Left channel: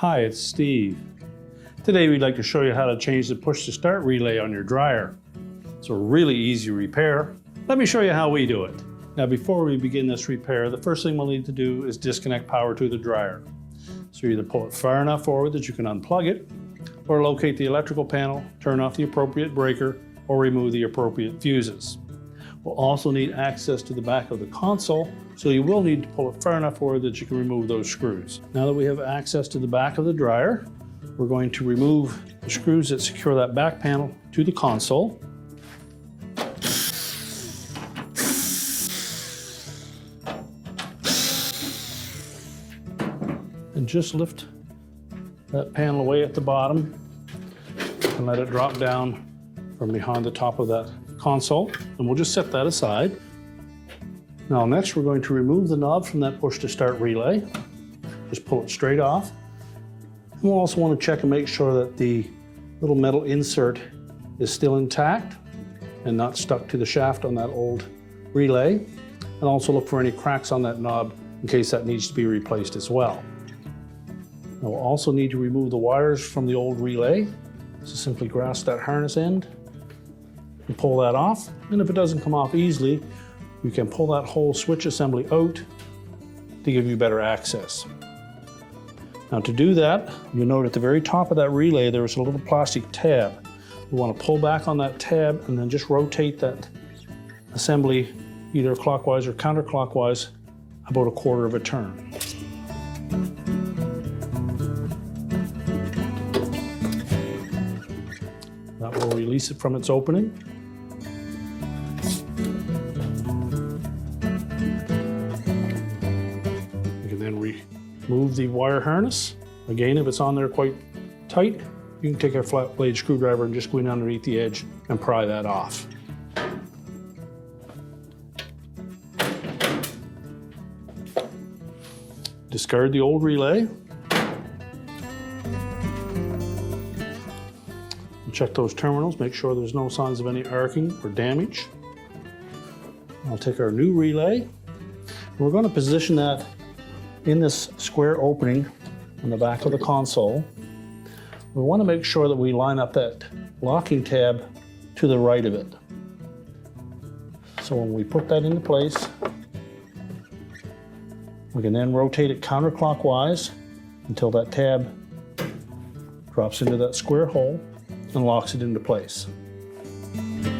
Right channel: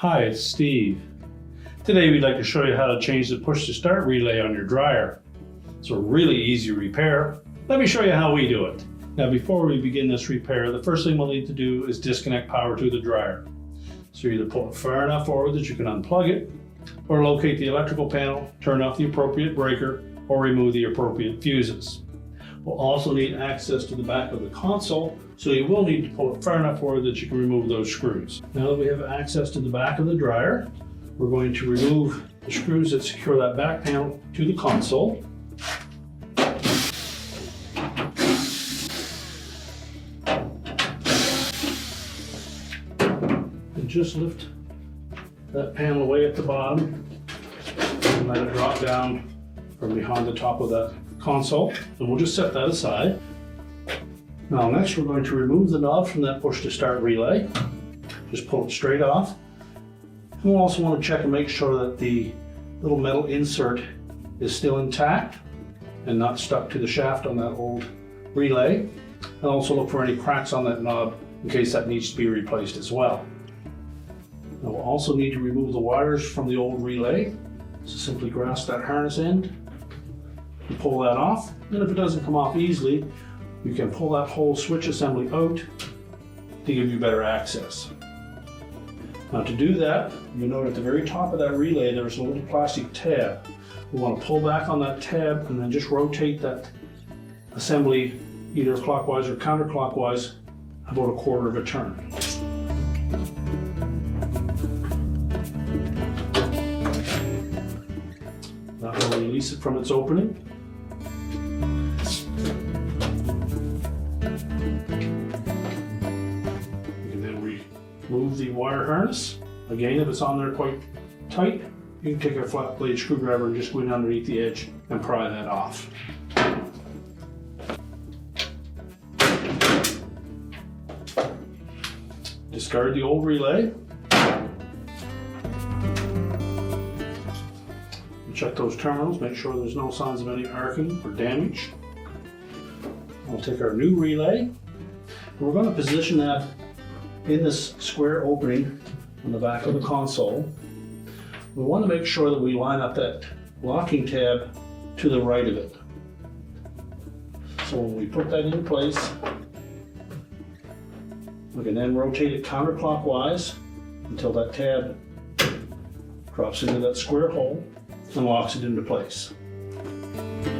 Hi, it's Steve. Today we'd like to show you how to change the push to start relay on your dryer. It's a really easy repair. Let me show you how we do it. Now before we begin this repair, the first thing we'll need to do is disconnect power to the dryer. So you either pull it far enough forward that you can unplug it, or locate the electrical panel, turn off the appropriate breaker, or remove the appropriate fuses. We'll also need access to the back of the console, so you will need to pull it far enough forward that you can remove those screws. Now that we have access to the back of the dryer, we're going to remove the screws that secure that back panel to the console. And just lift that panel away at the bottom and let it drop down from behind the top of that console, and we'll just set that aside. Now next we're going to remove the knob from that push to start relay. Just pull it straight off. And we'll also want to check and make sure that the little metal insert is still intact and not stuck to the shaft on that old relay. And also look for any cracks on that knob in case that needs to be replaced as well. Now we'll also need to remove the wires from the old relay. So simply grasp that harness end and pull that off. And if it doesn't come off easily, we can pull that whole switch assembly out to give you better access. Now to do that, you'll note at the very top of that relay there's a little plastic tab. We want to pull back on that tab and then just rotate that assembly either clockwise or counterclockwise about a quarter of a turn. Now we'll release it from its opening. Remove the wire harness. Again, if it's on there quite tight, you can take a flat blade screwdriver and just go in underneath the edge and pry that off. Discard the old relay. Check those terminals, make sure there's no signs of any arcing or damage. We'll take our new relay. We're going to position that in this square opening on the back of the console. We want to make sure that we line up that locking tab to the right of it. So when we put that in place, we can then rotate it counterclockwise until that tab drops into that square hole and locks it into place. You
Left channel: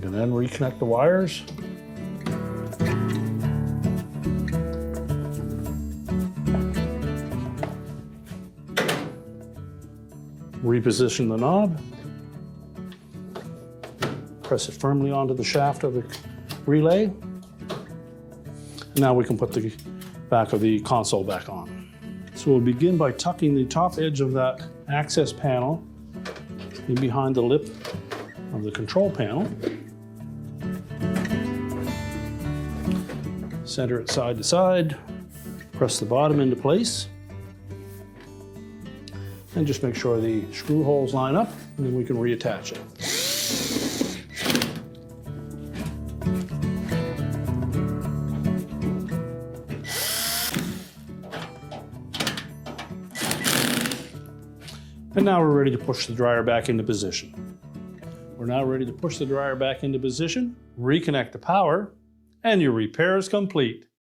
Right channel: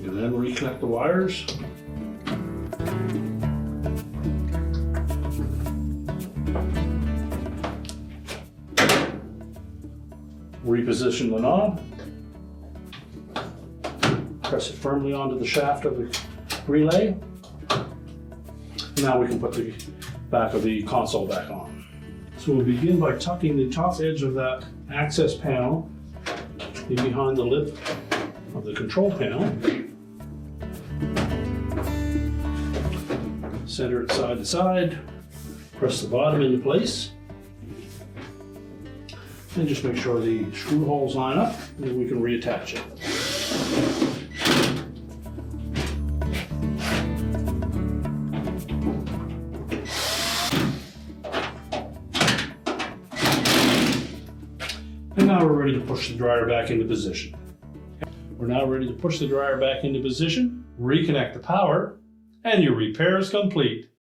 can then reconnect the wires. Reposition the knob, press it firmly onto the shaft of the relay. Now we can put the back of the console back on. So we'll begin by tucking the top edge of that access panel in behind the lip of the control panel. Center it side to side, press the bottom into place. And just make sure the screw holes line up, and then we can reattach it. And now we're ready to push the dryer back into position. We're now ready to push the dryer back into position, reconnect the power, and your repair is complete.